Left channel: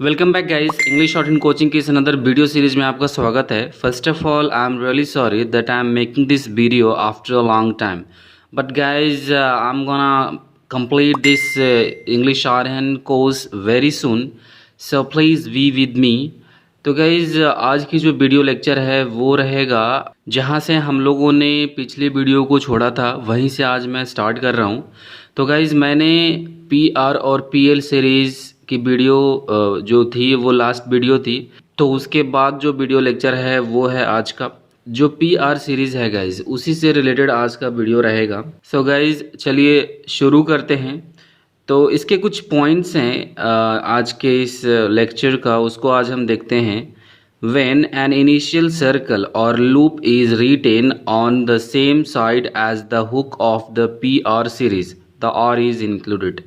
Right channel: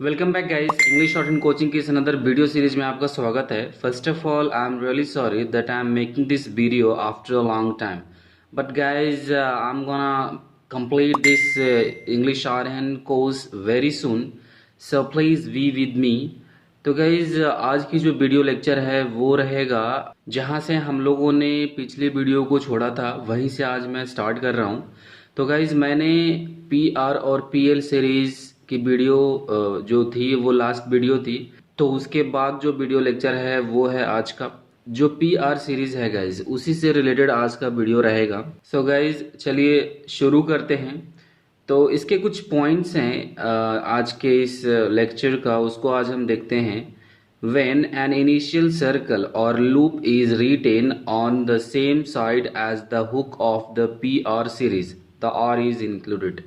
Welcome back guys. English short and coaching की इस another video series में आपका स्वागत है। First of all I am really sorry that I am making this video after a long time, but guys I am gonna complete this English shorthand course very soon, so please be with me। तो guys आज की जो video lecture है वो रहेगा जहाँ से हम लोगों ने पिछली वीडियो को छोड़ा था, वहीं से आज मैं स्टार्ट कर रहा हूँ। तो गाइज मैंने पी आर और पी एल सीरीज़ की वीडियो जो थी वो लास्ट वीडियो थी, तो उसके बाद जो वीडियो लेक्चर है वो है आज का जो पी आर सीरीज़ है गाइज, उसी से रिलेटेड आज का वीडियो रहेगा। सो गाइज चलिए शुरू करते हैं। तो इसके कुछ पॉइंट्स हैं आज के इस लेक्चर का, उसको आज हम देखते हैं। When an initial circle or loop is written on the same side as the hook of the PR series, the R is included।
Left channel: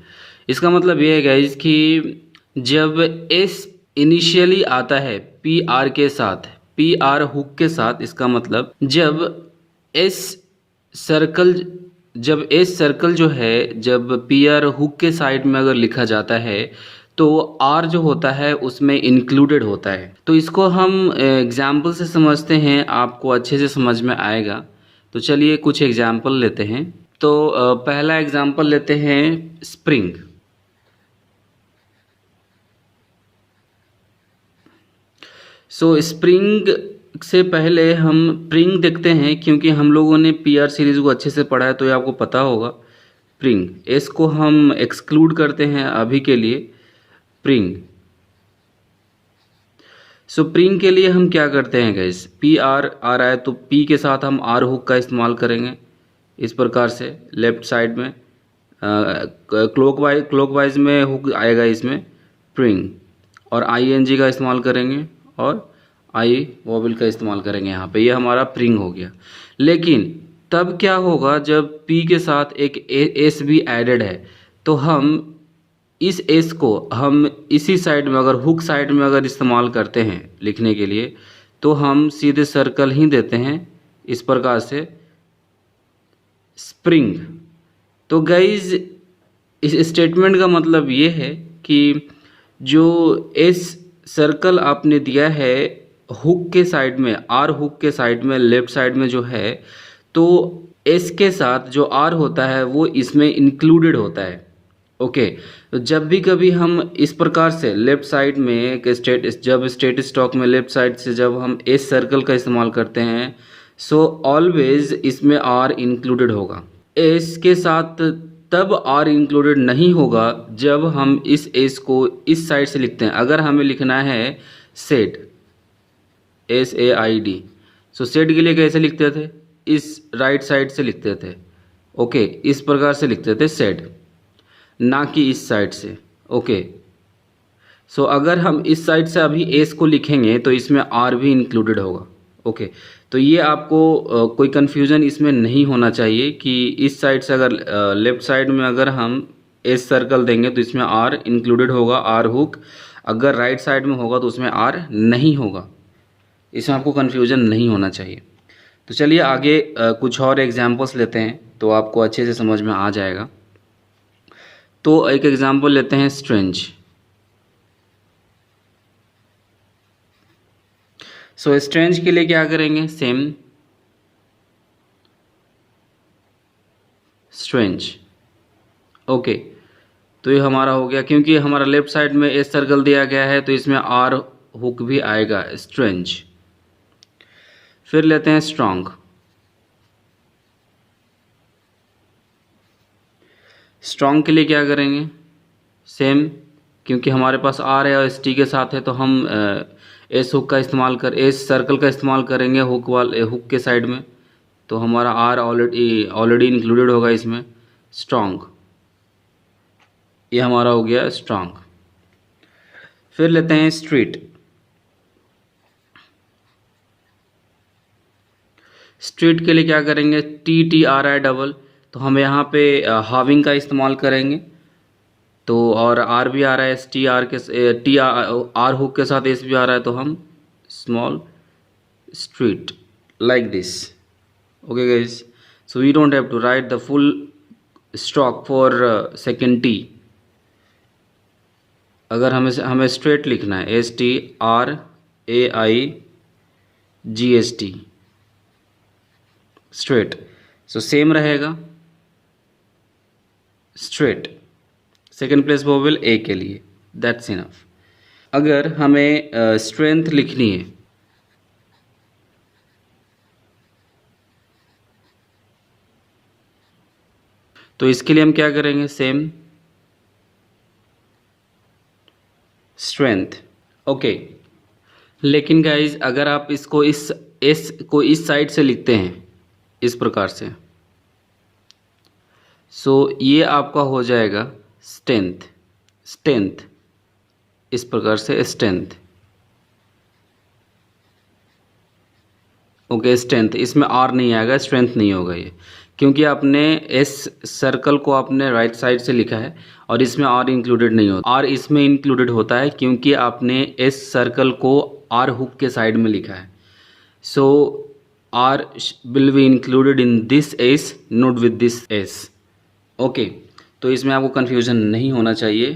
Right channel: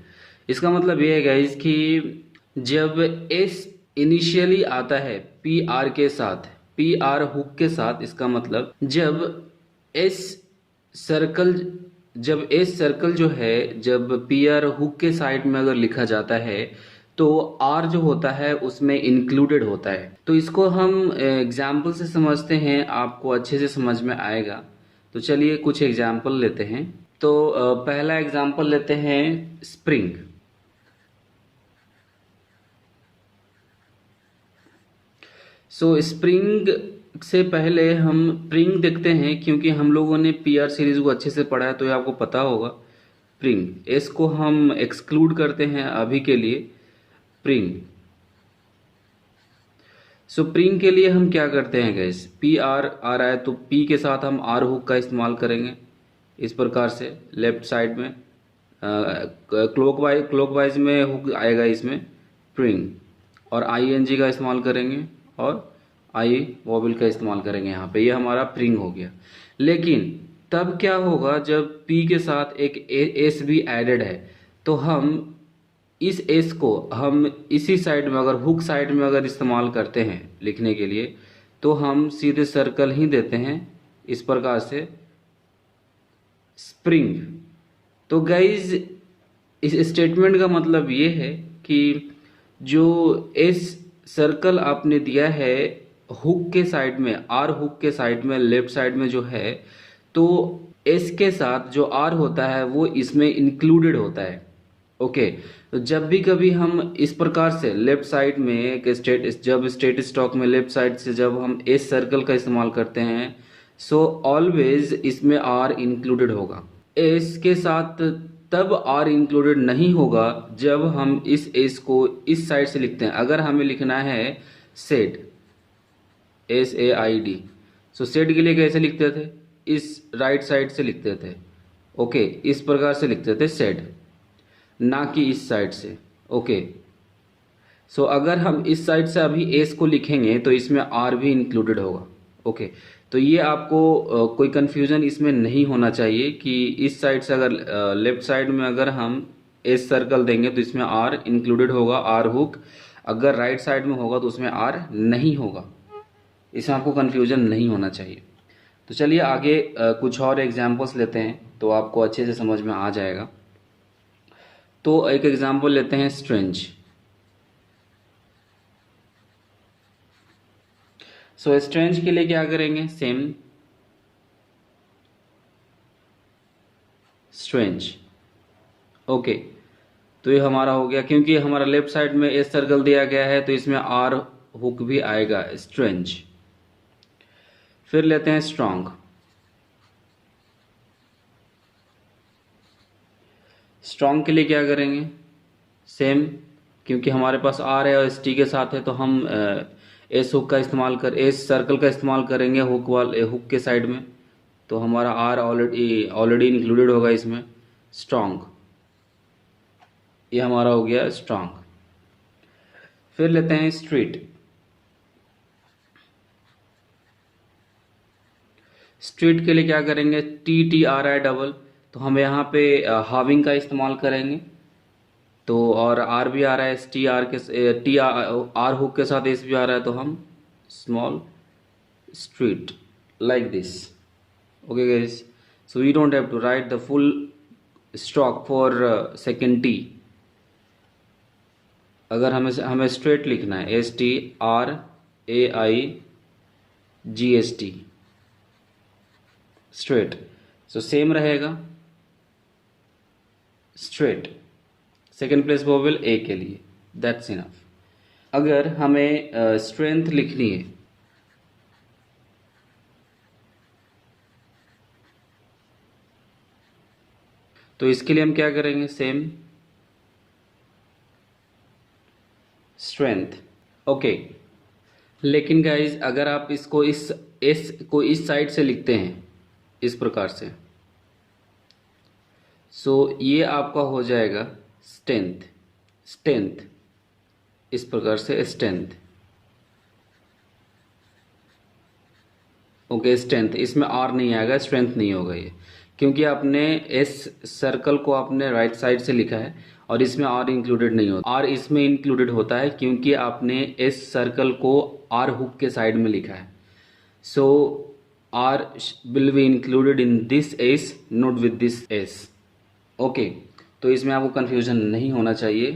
इसका मतलब ये है गाइज कि जब S इनिशियली आता है PR के साथ, PR हुक के साथ, इसका मतलब जब S सर्कल जब एस सर्कल जो है जब पी आर हुक के साइड में अगर लिखा जाता है तो आर जो होता है उसमें इंक्लूडेड होता है। तो इसको हम एग्जाम्पल से समझते हैं, आपको अच्छे से समझ में आएगा। तो चलिए कुछ एग्जाम्पल लेते हैं। तो पहला एग्जाम्पल लेते हैं स्प्रिंग। सो स्प्रिंग से पहले हम प्रिंग देखते हैं, क्योंकि हम लोगों ने पीआर सीरीज को अच्छे से पढ़ा है तो ये आपको पता होगा। प्रिंग एस को हम एक्सक्लूड करते हैं अभी के लिए, प्रिंग। सो प्रिंग के लिए हम क्या करते हैं गैस, पी आर आ रहा है तो पी के साथ हम आर हुक का इस्तेमाल करेंगे इस प्रकार से लेफ्ट साइड में, क्लॉकवाइज में हुक आएगा इसमें प्रिंग, और आई एन जी का इस्तेमाल करेंगे और आई वॉबल का इस्तेमाल करेंगे यहाँ पे, ये हमारा प्रिंग हो गया। लेकिन तब क्या होगा जब पी के साथ एक एस भी एडेड है, तो हम इस एस को हम इसी साइड में अगर हुक साइड में अगर इस्तेमाल करते हैं लिखने के लिए, तो हम सीधे सर्कल ही देते हैं इस प्रकार से, स्प्रिंग। तो गाइज इस स्टेटमेंट का मतलब ये है कि जो एस सर्कल आपने दिया है हुक के साइड में, आर हुक के साइड में लेफ्ट साइड में जो है, तो एस के साथ जो आर होता है वो इसमें इंक्लूडेड होता है। ओके, तो जब भी कभी हम इस प्रकार से लेफ्ट साइड में एक जब स्टेट स्टॉक में लेफ्ट साइड से जब हम एस सर्कल का इस्तेमाल करते हैं, सो ऑलवेज इसमें आर इंक्लूडेड होगा। एस के साथ तब आर इंक्लूडेड नहीं होगा जब हम इस एस को इस साइड से लिखते हैं। अगर हमें लिखना है set, S A I D, so set के लिए कैसे लिखते थे, इस राइट साइड से लिखते थे। ओके, इस प्रकार से लिखते थे सेट, ना कि इस साइड से। ओके, सो अगर हम इस साइड से अभी एस को लिखेंगे तो इसमें आर भी इंक्लूडेड होगा। ओके, तो ये आपको कोई कन्फ्यूज़न इसमें नहीं होना चाहिए कि इस साइड से अगर लेफ्ट साइड में अगर हम एस सर्कल देंगे तो इसमें आर इंक्लूडेड होगा, आर हुक। अगर राइट साइड में होगा तो उसमें आर नहीं होगा, इसमें आपको कन्फ्यूज़न नहीं होना चाहिए। तो चलिए आगे कुछ और एग्जाम्पल्स लेते हैं तो आपको अच्छे से समझ में आ जाएगा। तो एक एग्जाम्पल लेते हैं स्ट्रेंज। सो स्ट्रेंज के लिए क्या करेंगे, सेम स्ट्रेंज। ओके, तो ये हमारा हो गया, क्योंकि हमारा लेफ्ट साइड में एस सर्कल दिया गया है तो इसमें आर हुक भी आएगा, स्ट्रेंज। फिर लेते हैं स्ट्रॉन्ग। स्ट्रॉन्ग के लिए क्या करेंगे, सेम, क्योंकि हमारे पास आर है और एस टी के साथ है तो हम एस हुक का इस्तेमाल कर एस सर्कल का इस्तेमाल करेंगे हुक के साइड में, तो हमारा आर ऑलरेडी इंक्लूडेड होगा इसमें, स्ट्रॉन्ग। ये हमारा हो गया स्ट्रॉन्ग। फिर लेते हैं स्ट्रीट। स्ट्रीट के लिए क्या करेंगे, T T R I double, तो हम यहाँ पे हाविंग का इस्तेमाल करेंगे। तो और आर भी आ रहा है, एस टी आर के टी आर हुक के साथ एस भी आ रहा है, तो हम small street like this। Okay guys, so we don't have to write the full stock for second T। अगर हमें स्ट्रेट लिखना है, STRAIGST, स्ट्रेट, सो सेम रहेगा स्ट्रेट, सेकेंड प्लेस वोवेल ए के लिए, दैट्स इनफ। अगर हमें स्ट्रेंथ लिखनी है, तो इसके लिए हम क्या करेंगे, सेम स्ट्रेंथ, ओके। लेकिन गाइज अगर आप इसको इस एस को इस साइड से लिखते हैं इस प्रकार से, सो ये आपका हो जाएगा स्ट्रेंथ, स्ट्रेंथ, इस प्रकार से स्ट्रेंथ, ओके स्ट्रेंथ। इसमें आर नहीं आएगा, स्ट्रेंथ नहीं होगा ये, क्योंकि आपने एस सर्कल को आपने राइट साइड से लिखा है और इसमें आर इंक्लूडेड नहीं होता। आर इसमें इंक्लूडेड होता है क्योंकि आपने एस सर्कल को आर हुक के साइड में लिखा है। So R will be included in this S, note with this S, okay. तो इसमें आपको कन्फ्यूजन नहीं होना चाहिए,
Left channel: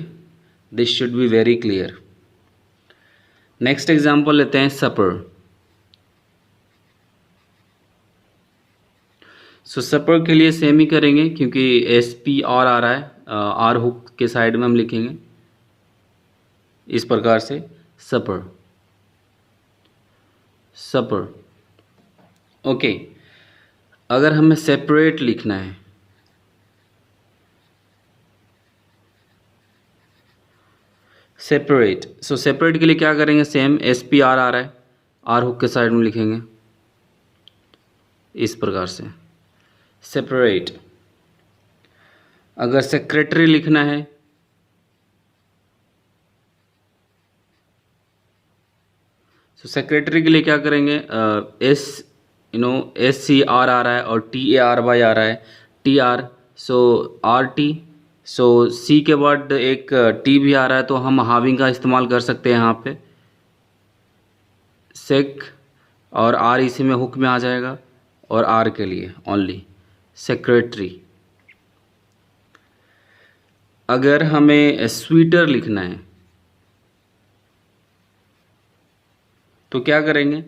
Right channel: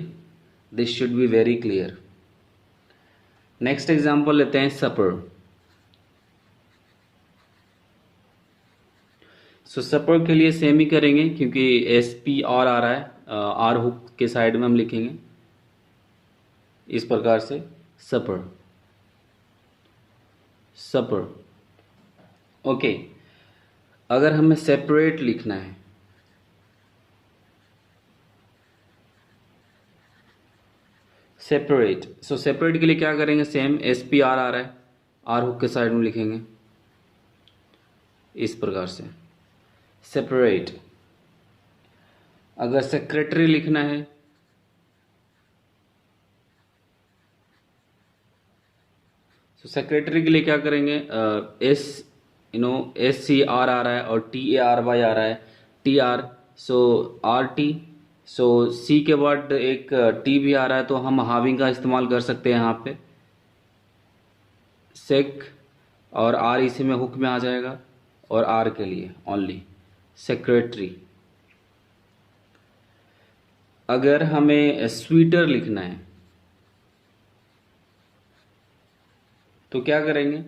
this should be very clear. Next example लेते हैं, सपर। सो सपर के लिए सेम ही करेंगे क्योंकि SP आर आ रहा है, आर हुक के साइड में हम लिखेंगे इस प्रकार से, सपर, सपर, ओके। अगर हमें सेपरेट लिखना है, सेपरेट, सो सेपरेट के लिए क्या करेंगे, सेम SP आर आ रहा है, आर हुक के साइड में लिखेंगे इस प्रकार से, सेपरेट। अगर सेक्रेटरी लिखना है, तो सेक्रेटरी के लिए क्या करेंगे, SC आर आ रहा है और TARY आ रहा है, TR, सो RT, सो C के बाद एक T भी आ रहा है तो हम हाविंग का इस्तेमाल कर सकते हैं यहाँ पे, सेक, और R इसी में हुक में आ जाएगा, और R के लिए ओनली सेक्रेटरी। अगर हमें स्वीटर लिखना है तो क्या करेंगे,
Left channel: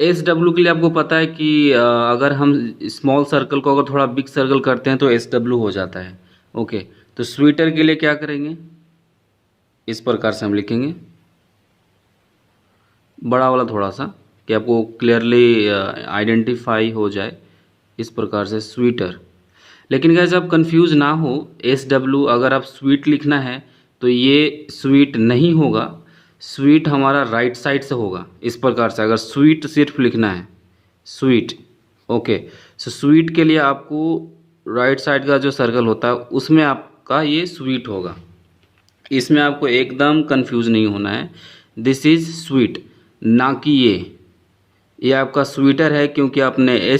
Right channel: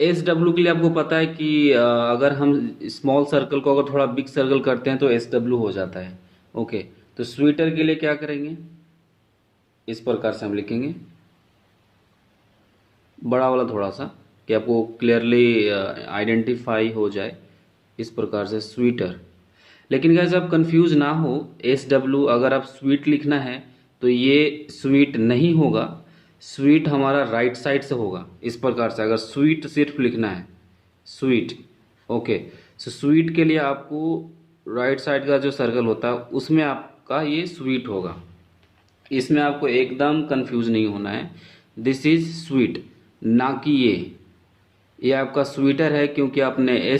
SW के लिए आपको पता है कि अगर हम स्मॉल सर्कल को अगर थोड़ा बिग सर्कल करते हैं तो SW हो जाता है, ओके। तो स्वीटर के लिए क्या करेंगे, इस प्रकार से हम लिखेंगे, बड़ा वाला थोड़ा सा, कि आपको क्लियरली आइडेंटिफाई हो जाए, इस प्रकार से स्वीटर। लेकिन गाइस आप कंफ्यूज ना हो, SW अगर आप स्वीट लिखना है तो ये स्वीट नहीं होगा, स्वीट हमारा राइट साइड से होगा इस प्रकार से, अगर स्वीट सिर्फ लिखना है, स्वीट, ओके। सो स्वीट के लिए आपको राइट साइड का जो सर्कल होता है उसमें आपका ये स्वीट होगा, इसमें आपको एकदम कंफ्यूज नहीं होना है, दिस इज स्वीट, ना कि ये आपका स्वीटर है, क्योंकि आपने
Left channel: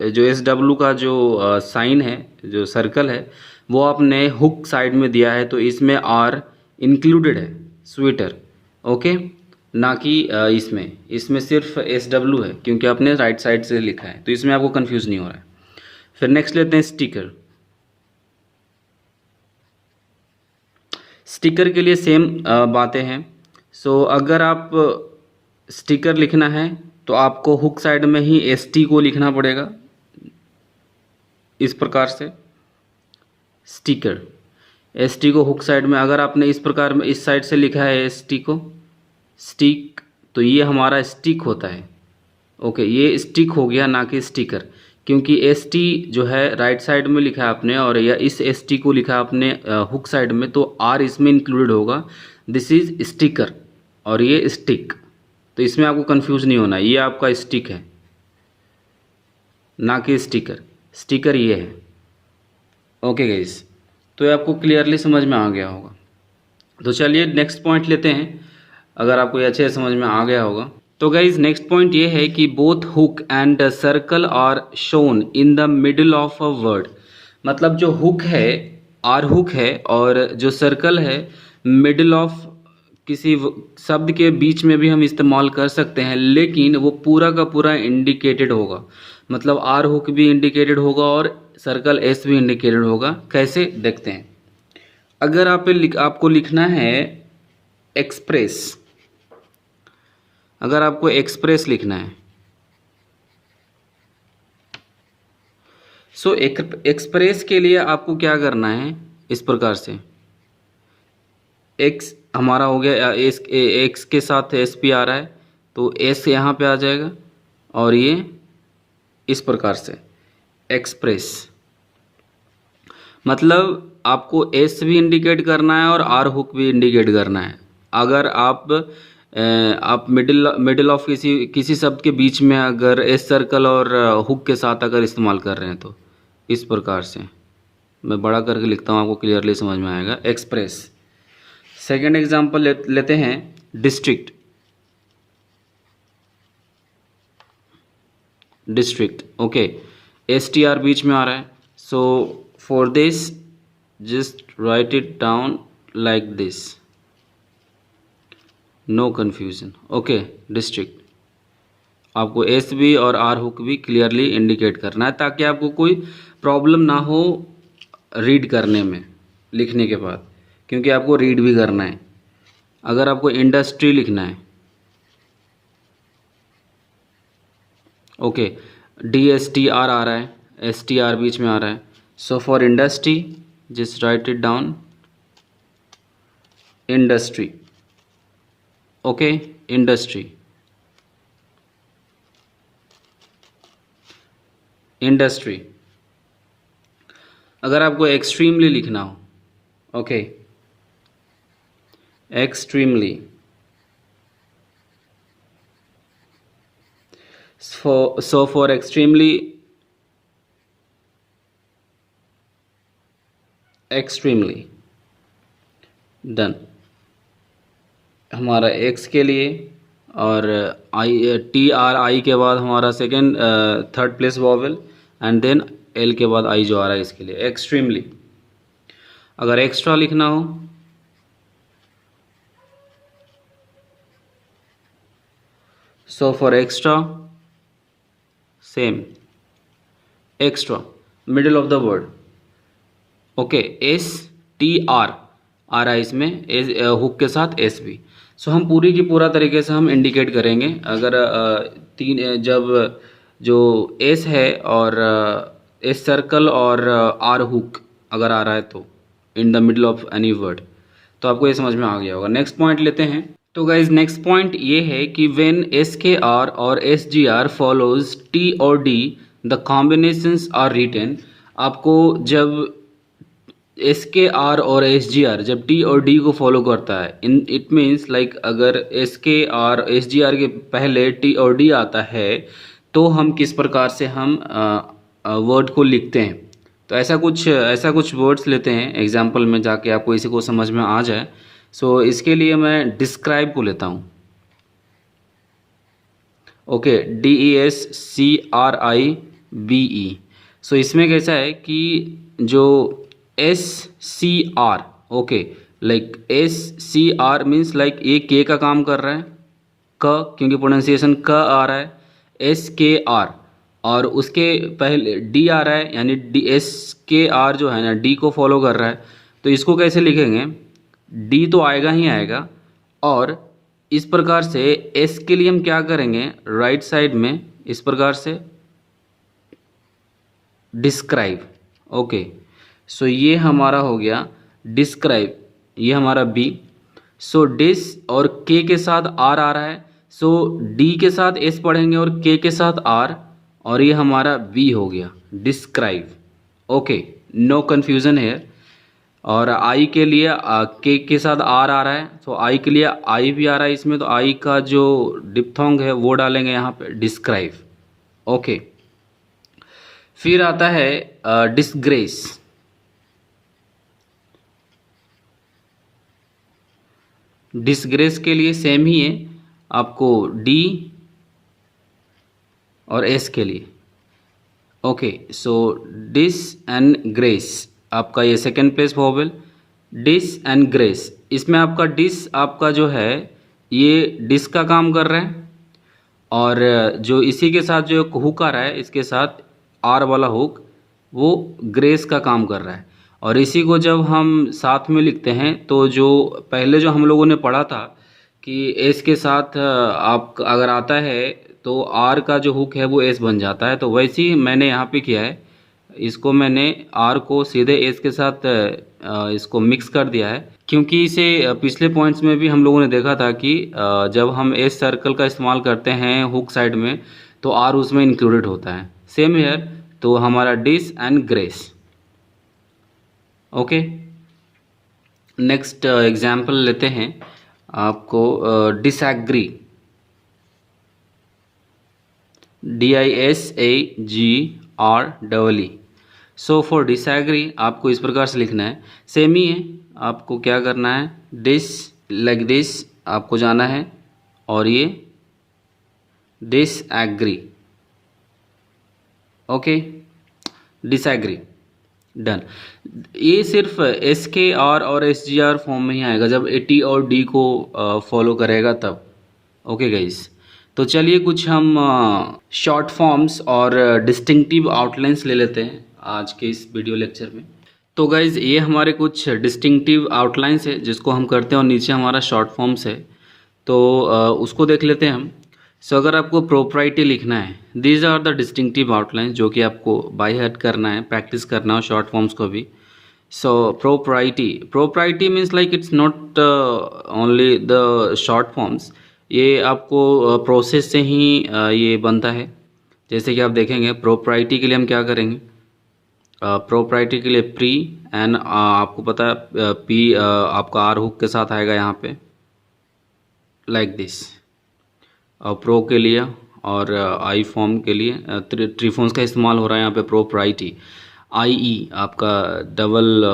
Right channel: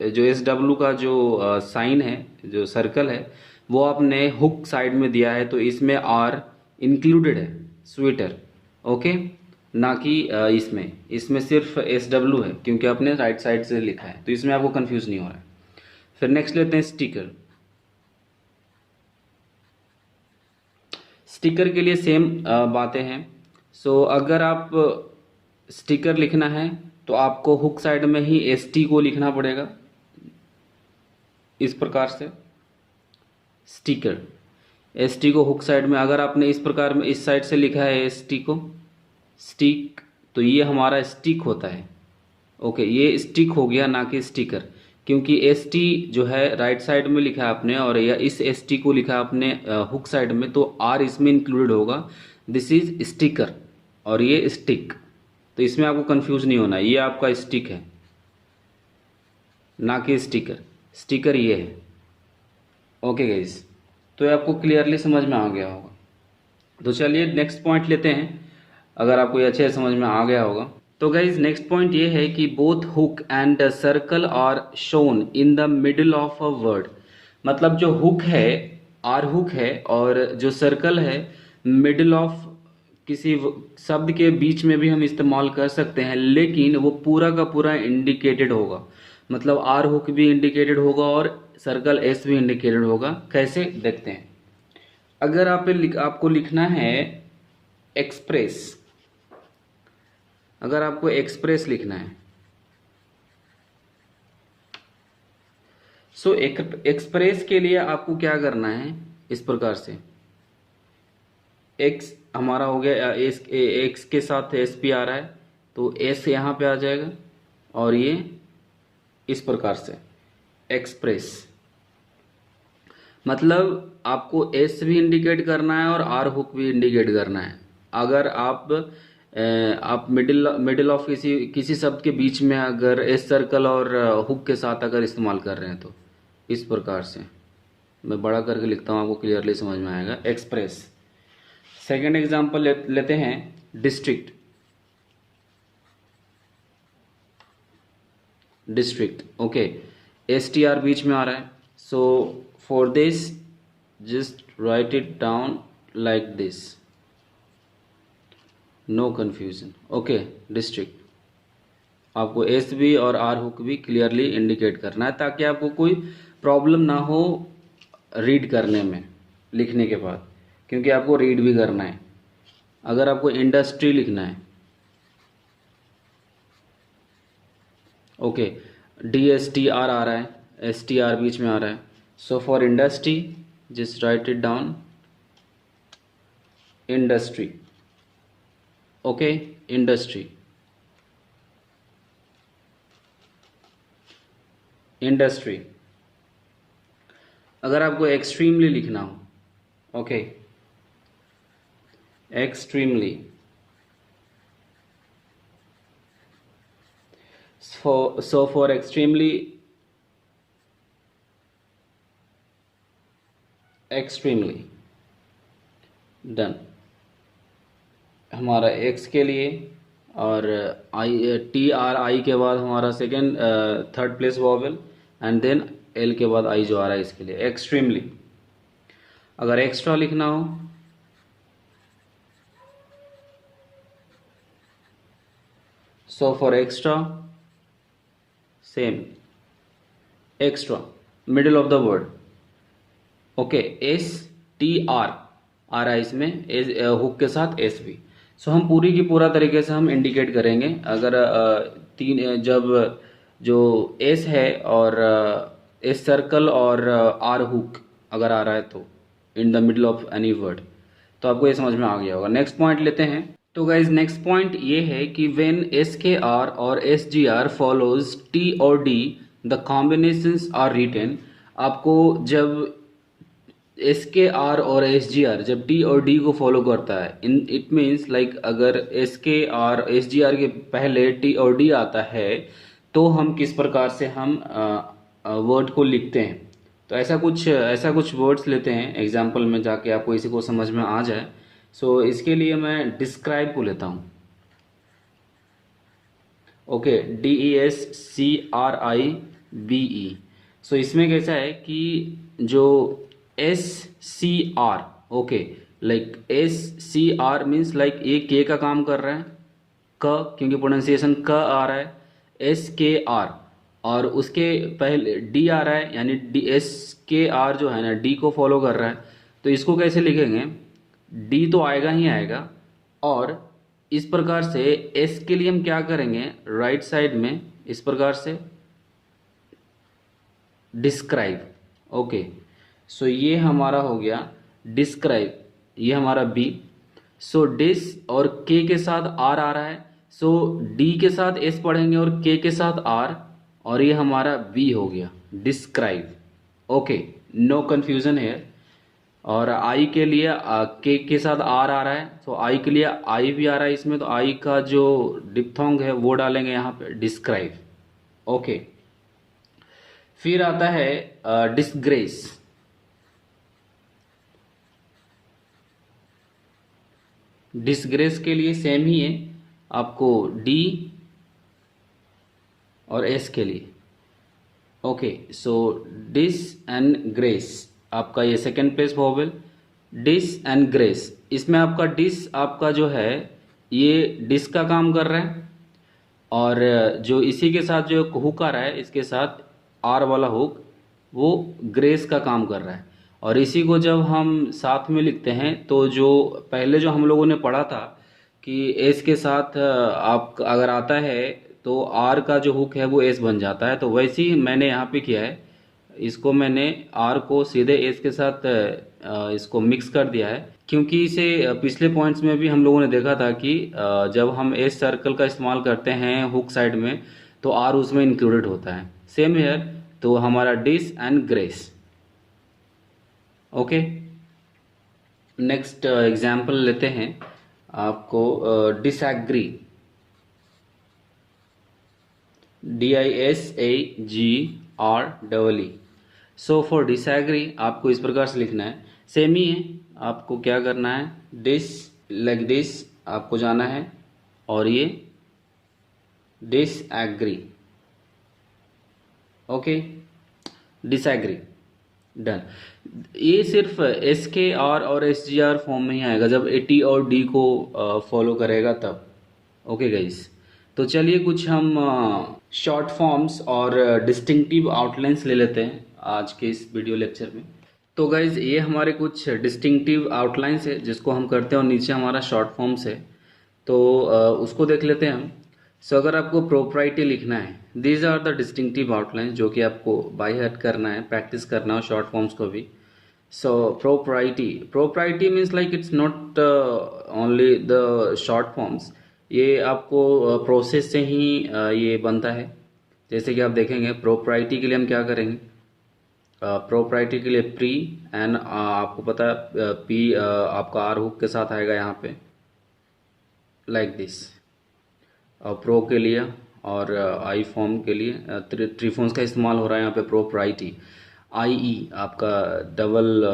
जो SW का जो साइन है, जो सर्कल है, वो आपने हुक साइड में दिया है, तो इसमें आर इंक्लूडेड है, स्वीटर, ओके, ना कि इसमें सिर्फ SW है क्योंकि आपने राइट साइड से लिखा है, तो इसमें आपको कंफ्यूज नहीं हो रहा है। फिर नेक्स्ट लेते हैं स्टिकर। स्टिकर के लिए सेम बातें हैं। सो अगर आप स्टिकर लिखना है तो आपको हुक साइड में ही ST को लिखना पड़ेगा इस प्रकार से, स्टिकर, ST को हुक साइड में, अगर आपने इस प्रकार में इस साइड से लिखा है ST को, स्टिक, तो ये हमारा स्टिक होता है, ओके, ये स्टिक हो गया, ना कि स्टिकर, क्योंकि ST जो है राइट साइड में लिखा है आपने और या इस ST को लिखा है आपने हुक साइड में, तो R इसमें इंक्लूडेड होगा, दिस इज स्टिकर, और ये स्टिक, तो इसमें आपको कंफ्यूज नहीं होना, ये आपका स्टिक है ना कि स्टिकर, स्टिकर ये है, ओके गाइस। तो ये आपको क्लियरली समझ में आ गया होगा। तो चलिए नेक्स्ट पॉइंट लेते हैं, अगर आपको ये अच्छे से समझ में आ गया होगा। तो गाइज नेक्स्ट पॉइंट ये है कि both hook and circle are shown in the middle of a word, मतलब जो हुक है, आर हुक है, और जो सर्कल है मिडिल ऑफ किसी शब्द के बीच में भी हम इस्तेमाल कर सकते हैं, लेकिन वो पूरा का पूरा इंडिकेटेड होगा, मतलब आर हुक भी इंडिकेटेड होगा और सर्कल एस भी इंडिकेटेड होगा। कैसे देखते हैं, अगर आपको लिखना है एक्सप्रेस, अगर आपको एक्सप्रेस लिखना है सो एक्सप्रेस के लिए आपको क्या करना है, इस प्रकार से एक्स हमारा हो गया, एक्स के साथ एस पी आ रहा है तो एस यहाँ पे आ जाएगा और ये इस प्रकार से एक्सप्रेस, मतलब आपको एस भी इंडिकेट करना है और आर हुक भी इंडिकेट करना है। अगर आप मिडिल ऑफ किसी शब्द के बीच में अगर एस सर्कल और हुक के साथ अगर इस्तेमाल कर रहे हैं तो इस प्रकार से मैं बड़ा करके लिखता हूँ, आपको क्लियरली समझ में आएगा। एक्सप्रेस। सेकंड एग्जांपल लेते हैं district. District, okay, S T R बीच में आ रहा है, so for this just write it down like this, no confusion, okay. District आपको एस बी और आर हुक भी क्लियरली इंडिकेट करना है ताकि आपको कोई प्रॉब्लम ना हो रीड करने में लिखने के बाद, क्योंकि आपको रीड भी करना है। अगर आपको इंडस्ट्री लिखना है, okay, D S T R आ रहा है, एस टी आर बीच में आ रहा है, so for industry just write it down industry, okay, industry. Industry. अगर आपको एक्सट्रीमली लिखना हो, okay, extremely, so for extremely, extremely done. हमारा एक्स के लिए और आई टी आर आई के बाद हमारा second third place vowel and then L के बाद आई जो आ रहा है इसके लिए एक्सट्रीमली। अगर एक्स्ट्रा लिखना हो so for extra same extra middle of the word, okay, S T R आ रहा है इसमें हुक के साथ एस भी। सो हम पूरी की पूरा तरीके से हम इंडिकेट करेंगे। अगर जब जो एस है और एस सर्कल और आर हुक अगर आ रहा है तो in the middle of any word, तो आपको ये समझ में आ गया होगा। नेक्स्ट पॉइंट लेते हैं। तो गाइज नेक्स्ट पॉइंट ये है कि व्हेन एस के आर और S G R follows T और D the combinations are written. आपको जब एस के आर और एस जी आर जब टी और डी को फॉलो करता है, इन इट मीन्स लाइक अगर S K R S G R के पहले टी और डी आता है तो हम किस प्रकार से हम वर्ड को लिखते हैं। तो ऐसा कुछ वर्ड्स लेते हैं एग्जाम्पल में जाके आपको इसी को समझ में आ जाए। सो इसके लिए मैं डिस्क्राइब को लेता हूँ, ओके, DESCRIBE। सो इसमें कैसा है कि जो SCR, okay, like SCR means like ये के का काम कर रहा है, क क्योंकि प्रोनाउंसिएशन क आ रहा है, SKR और उसके पहले डी आ रहा है, यानी SKR जो है ना डी को फॉलो कर रहा है। तो इसको कैसे लिखेंगे, डी तो आएगा ही आएगा और इस प्रकार से एस के लिए हम क्या करेंगे, राइट साइड में इस प्रकार से डिस्क्राइब, ओके। सो ये हमारा हो गया डिस्क्राइब, ये हमारा बी। सो डिस और के के साथ आर आ रहा है, सो डी के साथ एस पढ़ेंगे और के साथ आर, और ये हमारा बी हो गया डिस्क्राइब, ओके, नो कन्फ्यूज़न है। और आई के लिए के साथ आर आ रहा है, तो आई के लिए आई भी आ रहा है इसमें, तो आई का जो डिप्थोंग है वो डालेंगे यहाँ पे डिस्क्राइब, ओके। फिर आता है डिसग्रेस। डिसग्रेस के लिए सेम ही है, आपको डी और एस के लिए, okay. So dis and grace आपका ये second place vowel, dis and grace. इसमें आपका डिस आपका जो है ये डिस का काम कर रहा है, और जो इसी के साथ जो हुक आ रहा है इसके साथ आर वाला हुक वो ग्रेस का काम कर रहा है। और इसी को जब हम साथ में लिखते हैं तो जो पहले जो हम लोगों ने पढ़ा था कि एस के साथ आप अगर आता है तो आर का जो हुक है वो एस बन जाता है, तो वैसे ही मैंने यहाँ पे किया है। इसको मैंने आर को सीधे एस के साथ इसको मिक्स कर दिया है, क्योंकि इसे पिछले पॉइंट्स में भी हम लोगों ने देखा था कि जब हम एस सर्कल का इस्तेमाल करते हैं हुक साइड में तो आर उसमें इंक्लूडेड होता है। सेम हेयर, तो हमारा dis and grace. Okay, next example लेते हैं आपको disagree, DISAGREE। So for disagree आपको इस प्रकार से लिखना है, सेम ही है। आपको क्या करना है, डिस लाइक दिस आपको जाना है और ये डिसएग्री। Okay, disagree, done. ये सिर्फ एस के आर और एस जी आर फॉर्म में ही आएगा जब ए टी और डी को फॉलो करेगा तब। ओके गाइस, तो चलिए कुछ हम शॉर्ट फॉर्म्स और डिस्टिंक्टिव आउटलाइंस ले लेते हैं आज के इस वीडियो लेक्चर में। तो गाइज ये हमारे कुछ डिस्टिंक्टिव आउटलाइंस है जिसको हम करते हैं और नीचे हमारा शॉर्ट फॉर्म्स है, तो उसको देख लेते हैं हम। सो अगर आपको प्रोप्राइटी लिखना है, these are the distinctive outlines जो कि आपको बाय हार्ट करना है, प्रैक्टिस करना है शॉर्ट फॉर्म्स को भी। So propriety means like it's not only the short forms, ये आपको प्रोसेस से ही ये बनता है। जैसे कि आप देखेंगे प्रोप्राइटी के लिए हम क्या करेंगे, प्रोप्राइटी के लिए प्री एंड आपको पता है पी आपका आर हुक के साथ आएगा यहाँ पे लाइक दिस। प्रो के लिए और आई फॉर्म के लिए ट्रीफॉर्म्स का इस्तेमाल हो रहा है यहाँ पे प्रोप्राइटी। आई ई आपका डबल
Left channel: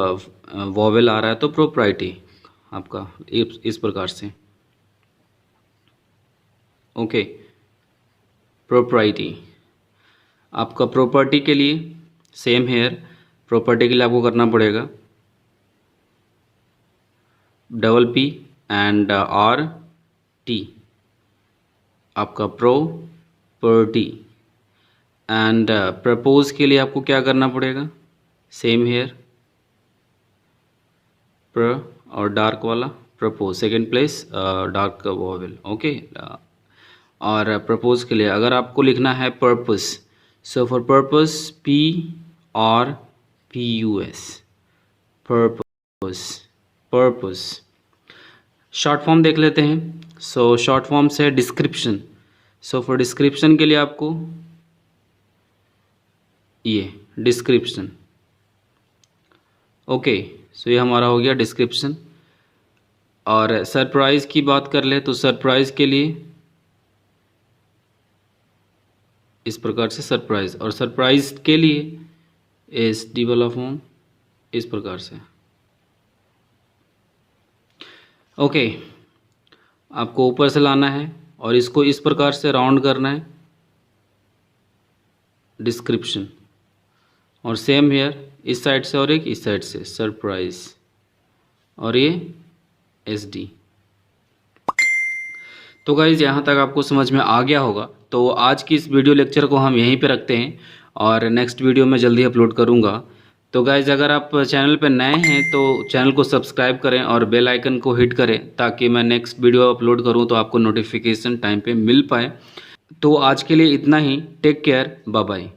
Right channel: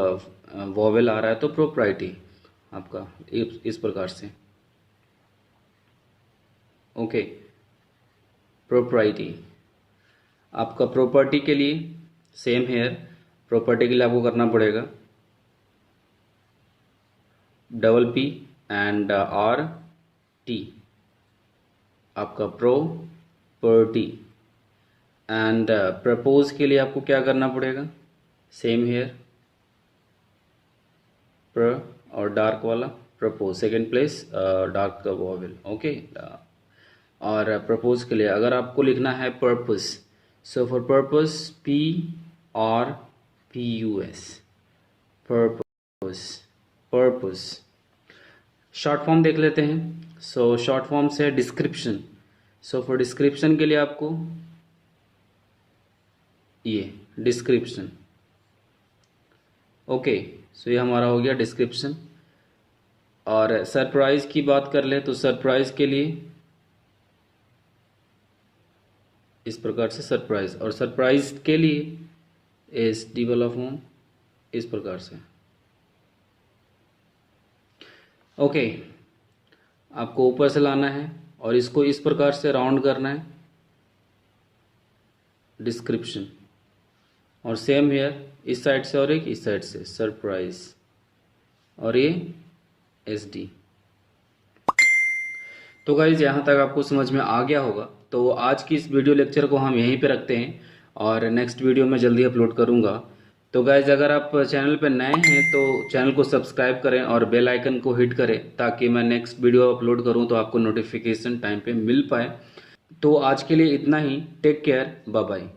वॉवेल आ रहा है तो प्रोप्राइटी आपका इस प्रकार से। ओके, प्रोप्राइटी आपका प्रॉपर्टी के लिए सेम हेयर, प्रॉपर्टी के लिए आपको करना पड़ेगा double P and R T, आपका प्रॉपर्टी। एंड प्रपोज के लिए आपको क्या करना पड़ेगा, सेम हेयर प्र और डार्क वाला propose, second place dark vowel. Okay, और प्रपोज के लिए अगर आपको लिखना है purpose, so for purpose PRPUS, purpose. Short form देख लेते हैं। सो शॉर्ट फॉर्म से डिस्क्रिप्शन, सो फॉर डिस्क्रिप्शन के लिए आपको ये डिस्क्रिप्शन। ओके, सो ये हमारा हो गया डिस्क्रिप्शन। और सरप्राइज की बात कर ले तो सरप्राइज के लिए इस प्रकार से सरप्राइज, और सरप्राइज के लिए एस डी वाला फॉर्म इस प्रकार से। ओके, आपको ऊपर से लाना है और इसको इस प्रकार से राउंड करना है, डिस्क्रिप्शन। और सेम हेयर इस साइड से और एक इस साइड से सरप्राइज, और ये एस डी। तो गाइज यहाँ तक आपको समझ में आ गया होगा। तो आज की इस वीडियो लेक्चर को हम यहीं पे रखते हैं और नेक्स्ट वीडियो में जल्दी अपलोड करूँगा। तो गाइज अगर आप चैनल पे नए हैं तो चैनल को सब्सक्राइब करें और बेल आइकन को हिट करें ताकि मैं नेक्स्ट वीडियो अपलोड करूँ तो आपको नोटिफिकेशन टाइम पे मिल पाए। तो आज के लिए इतना ही, टेक केयर, बाय बाय।